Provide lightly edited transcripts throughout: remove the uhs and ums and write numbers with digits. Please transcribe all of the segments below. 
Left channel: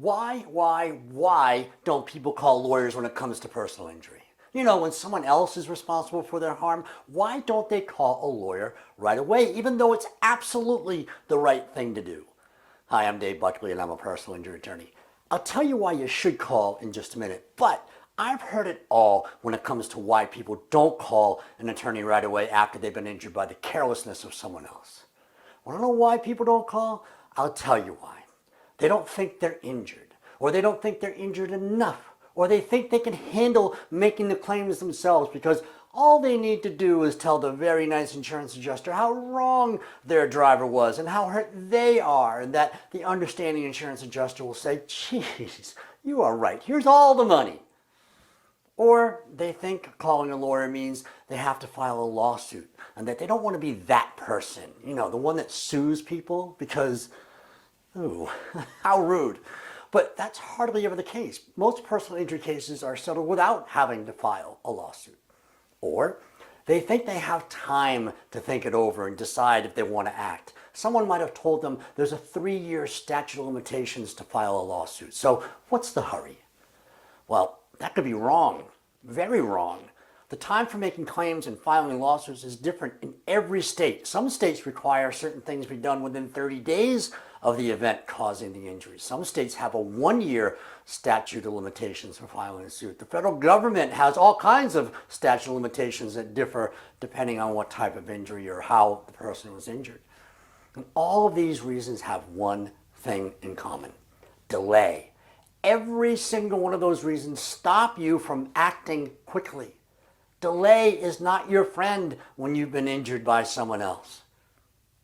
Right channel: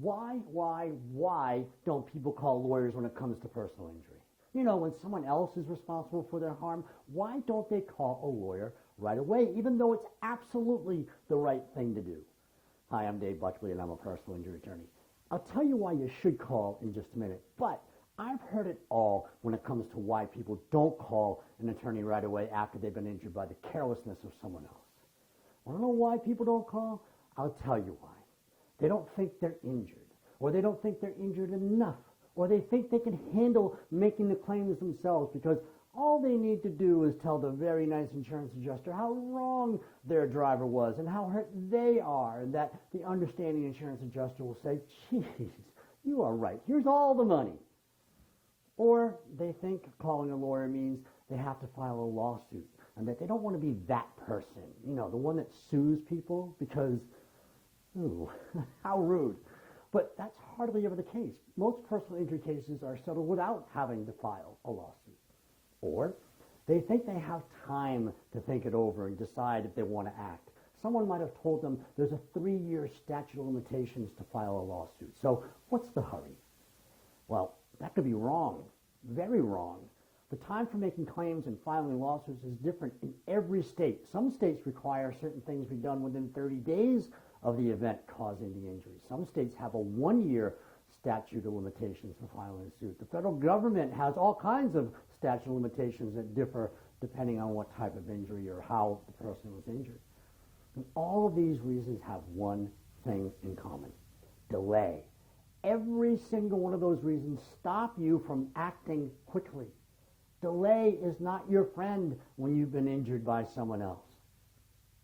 Why don't people call lawyers when it comes to personal injury? You know, when someone else is responsible for their harm, why don't they call a lawyer right away, even though it's absolutely the right thing to do? Hi, I'm Dave Buckley, and I'm a personal injury attorney. I'll tell you why you should call in just a minute, but I've heard it all when it comes to why people don't call an attorney right away after they've been injured by the carelessness of someone else. Want to know why people don't call? I'll tell you why. They don't think they're injured, or they don't think they're injured enough, or they think they can handle making the claims themselves because all they need to do is tell the very nice insurance adjuster how wrong their driver was and how hurt they are, and that the understanding insurance adjuster will say, geez, you are right, here's all the money. Or they think calling a lawyer means they have to file a lawsuit and that they don't want to be that person, you know, the one that sues people because, ooh, how rude. But that's hardly ever the case. Most personal injury cases are settled without having to file a lawsuit. Or they think they have time to think it over and decide if they want to act. Someone might have told them there's a 3-year statute of limitations to file a lawsuit. So what's the hurry? Well, that could be wrong, very wrong. The time for making claims and filing lawsuits is different in every state. Some states require certain things be done within 30 days of the event causing the injury. Some states have a 1-year statute of limitations for filing a suit. The federal government has all kinds of statute of limitations that differ depending on what type of injury or how the person was injured. And all of these reasons have one thing in common: delay. Every single one of those reasons stop you from acting quickly. Delay is not your friend when you've been injured by someone else.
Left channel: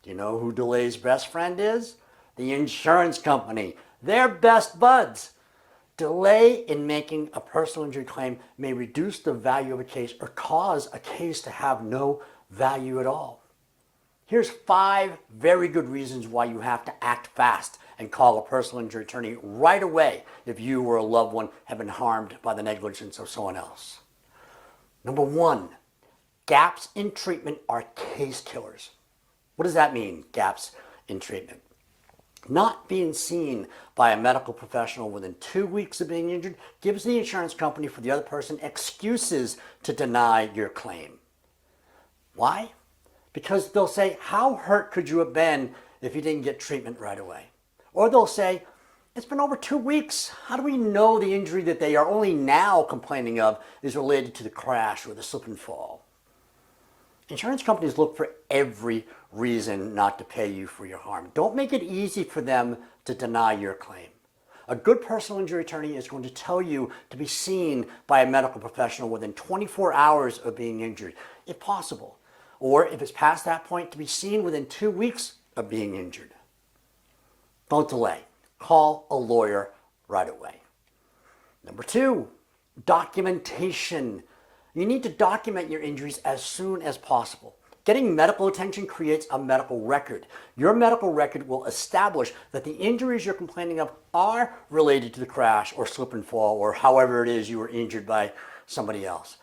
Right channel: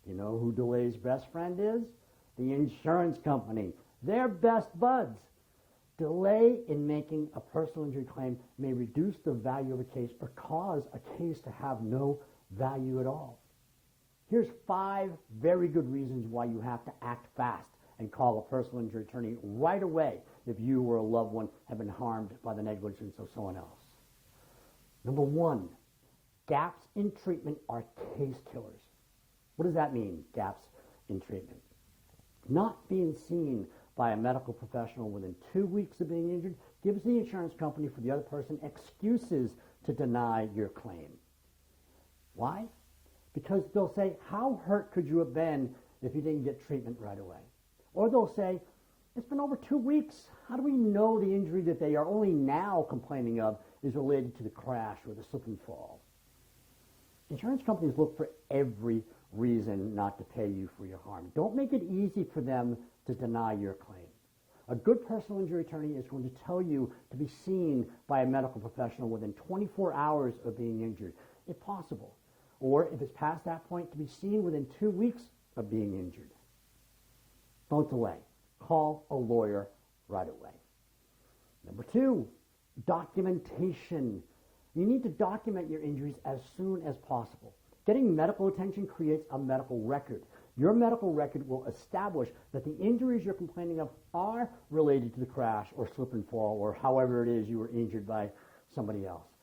Do you know who delay's best friend is? The insurance company. They're best buds. Delay in making a personal injury claim may reduce the value of a case or cause a case to have no value at all. Here's 5 very good reasons why you have to act fast and call a personal injury attorney right away if you or a loved one have been harmed by the negligence of someone else. Number 1, gaps in treatment are case killers. What does that mean, gaps in treatment? Not being seen by a medical professional within 2 weeks of being injured gives the insurance company for the other person excuses to deny your claim. Why? Because they'll say, how hurt could you have been if you didn't get treatment right away? Or they'll say, it's been over 2 weeks. How do we know the injury that they are only now complaining of is related to the crash or the slip and fall? Insurance companies look for every reason not to pay you for your harm. Don't make it easy for them to deny your claim. A good personal injury attorney is going to tell you to be seen by a medical professional within 24 hours of being injured, if possible. Or if it's past that point, to be seen within 2 weeks of being injured. Don't delay. Call a lawyer right away. Number 2, documentation. You need to document your injuries as soon as possible. Getting medical attention creates a medical record. Your medical record will establish that the injuries you're complaining of are related to the crash or slip and fall or however it is you were injured by somebody else.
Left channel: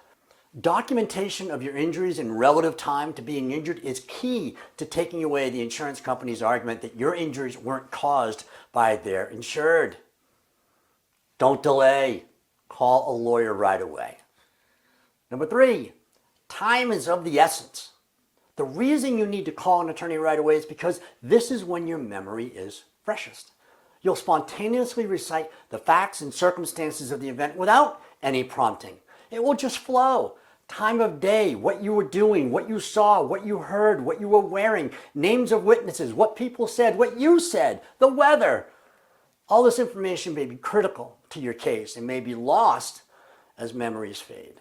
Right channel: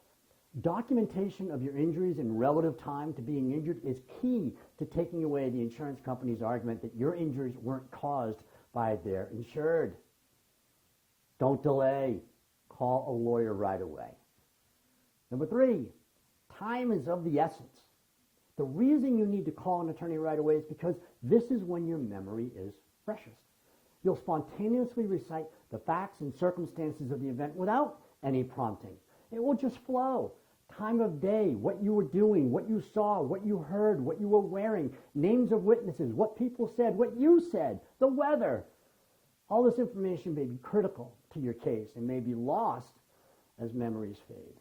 Documentation of your injuries in relative time to being injured is key to taking away the insurance company's argument that your injuries weren't caused by their insured. Don't delay. Call a lawyer right away. Number 3, time is of the essence. The reason you need to call an attorney right away is because this is when your memory is freshest. You'll spontaneously recite the facts and circumstances of the event without any prompting. It will just flow. Time of day, what you were doing, what you saw, what you heard, what you were wearing, names of witnesses, what people said, what you said, the weather. All this information may be critical to your case and may be lost as memories fade.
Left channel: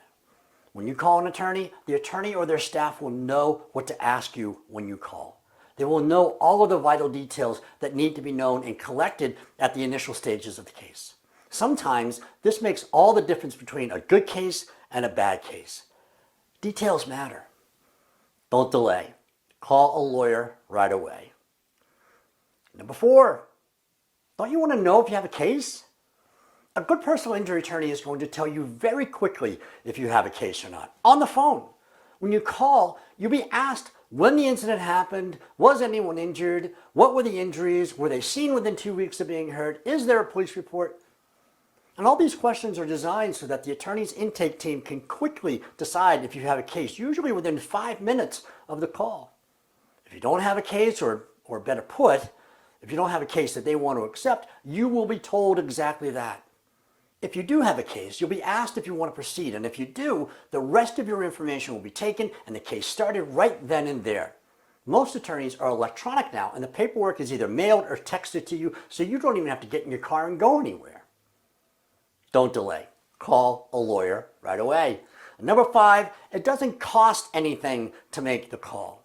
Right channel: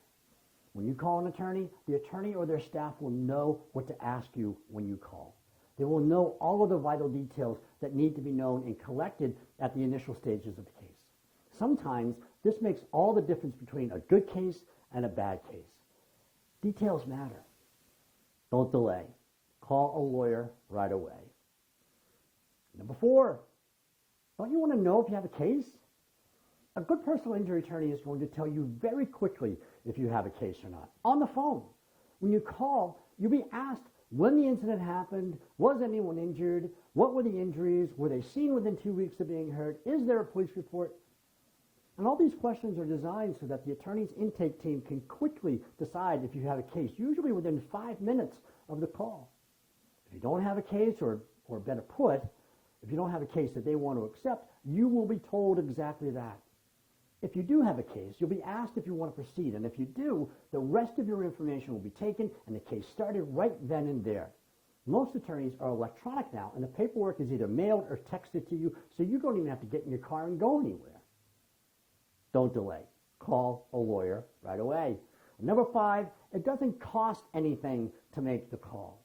When you call an attorney, the attorney or their staff will know what to ask you when you call. They will know all of the vital details that need to be known and collected at the initial stages of the case. Sometimes this makes all the difference between a good case and a bad case. Details matter. Don't delay. Call a lawyer right away. Number 4, don't you want to know if you have a case? A good personal injury attorney is going to tell you very quickly if you have a case or not, on the phone. When you call, you'll be asked when the incident happened, was anyone injured, what were the injuries, were they seen within 2 weeks of being hurt, is there a police report? And all these questions are designed so that the attorney's intake team can quickly decide if you have a case, usually within 5 minutes of the call. If you don't have a case, or better put, if you don't have a case that they want to accept, you will be told exactly that. If you do have a case, you'll be asked if you want to proceed, and if you do, the rest of your information will be taken and the case started right then and there. Most attorneys are electronic now, and the paperwork is either mailed or texted to you, so you don't even have to get in your car and go anywhere. Don't delay. Call a lawyer right away. And number 5, it doesn't cost anything to make the call.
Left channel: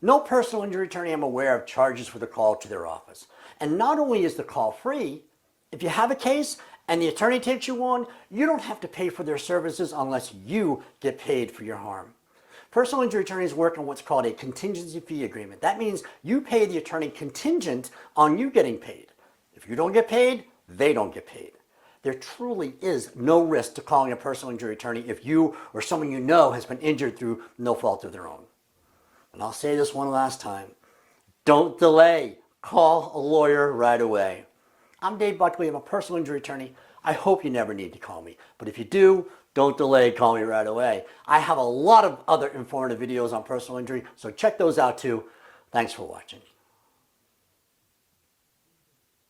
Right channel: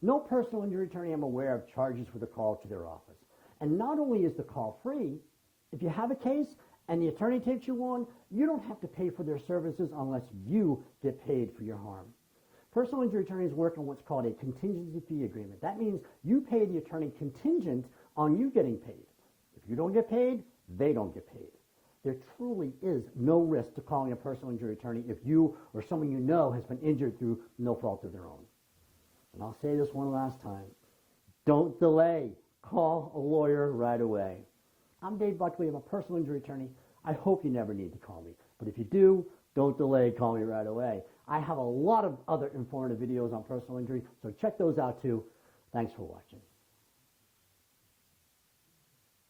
No personal injury attorney I'm aware of charges for the call to their office. And not only is the call free, if you have a case and the attorney takes you on, you don't have to pay for their services unless you get paid for your harm. Personal injury attorneys work on what's called a contingency fee agreement. That means you pay the attorney contingent on you getting paid. If you don't get paid, they don't get paid. There truly is no risk to calling a personal injury attorney if you or someone you know has been injured through no fault of their own. And I'll say this one last time. Don't delay. Call a lawyer right away. I'm Dave Buckley. I'm a personal injury attorney. I hope you never need to call me. But if you do, don't delay. Call me right away. I have a lot of other informative videos on personal injury, so check those out too. Thanks for watching.